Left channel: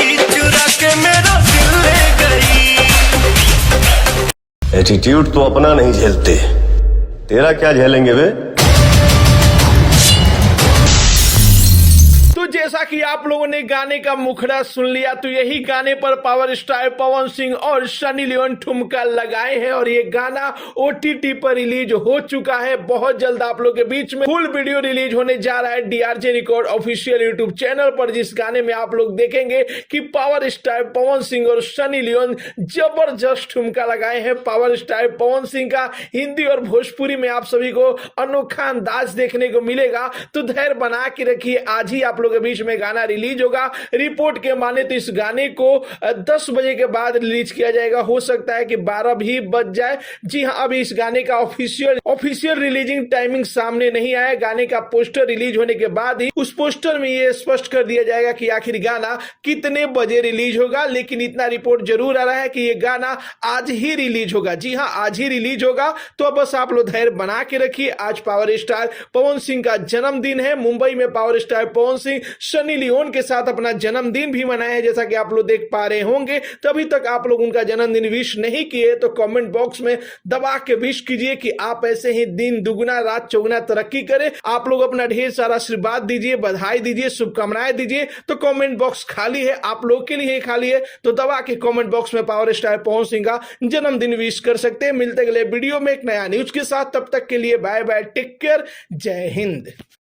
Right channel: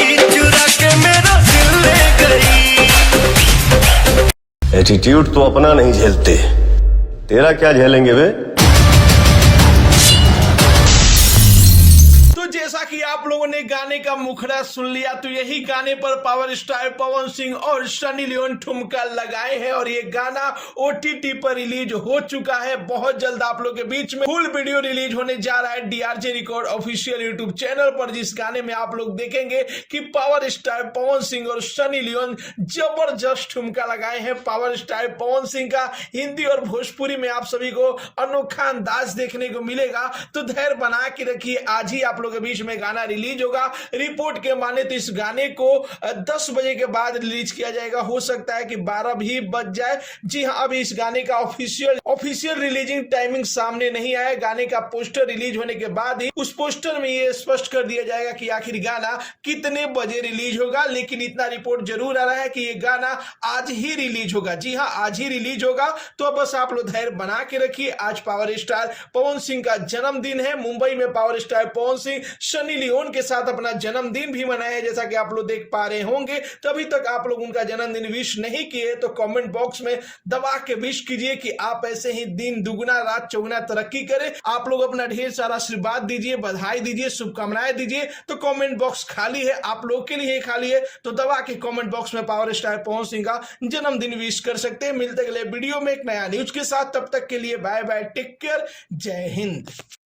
बेटी चुरा के मेरा दिल ले गई। एटीट्यूड तो अपना नहीं झेलते, तेरा क्या झेलेंगे वे। तो जैसा कि आप लोगों ने गाने का मुखड़ा सुन लिया, तो यही गाने पर पावर स्टार पवन सिंह और सनी लियोन ठुमका लगाए हैं और ये गाना ओटीटी पर रिलीज हो चुका है। बहुत जल्द आप लोग के बीच में फुल वीडियो रिलीज होने जा रहा है डीआरजे रिकॉर्ड ऑफिशियल यूट्यूब चैनल पर, जिस गाने में आप लोग देखेंगे कि पावर स्टार पवन सिंह और सनी लियोन जबरदस्त ठुमका लगाए हैं। पावर स्टार पवन सिंह का हिंदी और भोजपुरी में आप सभी को अनोखा अंदाज देखने को मिलेगा। तो धैर्य बना के रखिए, आज ही आप लोग के बीच में गाना रिलीज होगा। रिपोर्ट के माने तो इस गाने को 10 बजे के बाद रिलीज किया जाएगा, हो सकता है कि 12 भी बज जाए। जी हां, अभी इस गाने का ऑफिशियल रिलीजिंग टाइमिंग सामने नहीं आया। गाने का पोस्टर रिलीज होने के बाद ही उस पोस्टर में यह स्पष्ट कर दिया जाएगा कि आखिर गाना कितने बजे रिलीज होगा। लेकिन इतना रिपोर्ट जरूर आ रहा है कि यह गाना आज ही रिलीज होगा। जी हां, आज ही रिलीज होगा। तो बस आप लोग धैर्य बना के रखिए। आज पावर स्टार पवन सिंह का जन्मदिन है। मुंबई में power star Pawan Singh Sunny Leone के साथ अपना जन्मदिन भी मनाया है, जैसा कि आप लोग देख पा रहे होंगे। तभी तक आप लोग उनका जन्मदिन विश नहीं किए तो कमेंट बॉक्स में दबा के विश कीजिए कि आप ऐसे ही दिन दुगुना रात चौगुना तरक्की करें। आप लोग अपना ढेर सारा आशीर्वाद दीजिए, बधाई दीजिए, शुभकामनाएं दीजिए। तो कमेंट बॉक्स खाली है, आप लोग के लिए खाली है। तो दबा के कमेंट बॉक्स में पावर स्टार पवन सिंह का जन्मदिन विश कर सकते हैं। मिलते अगले वीडियो में एक नया न्यूज के साथ, तब तक के लिए बाय बाय, टेक केयर, जय हिंद।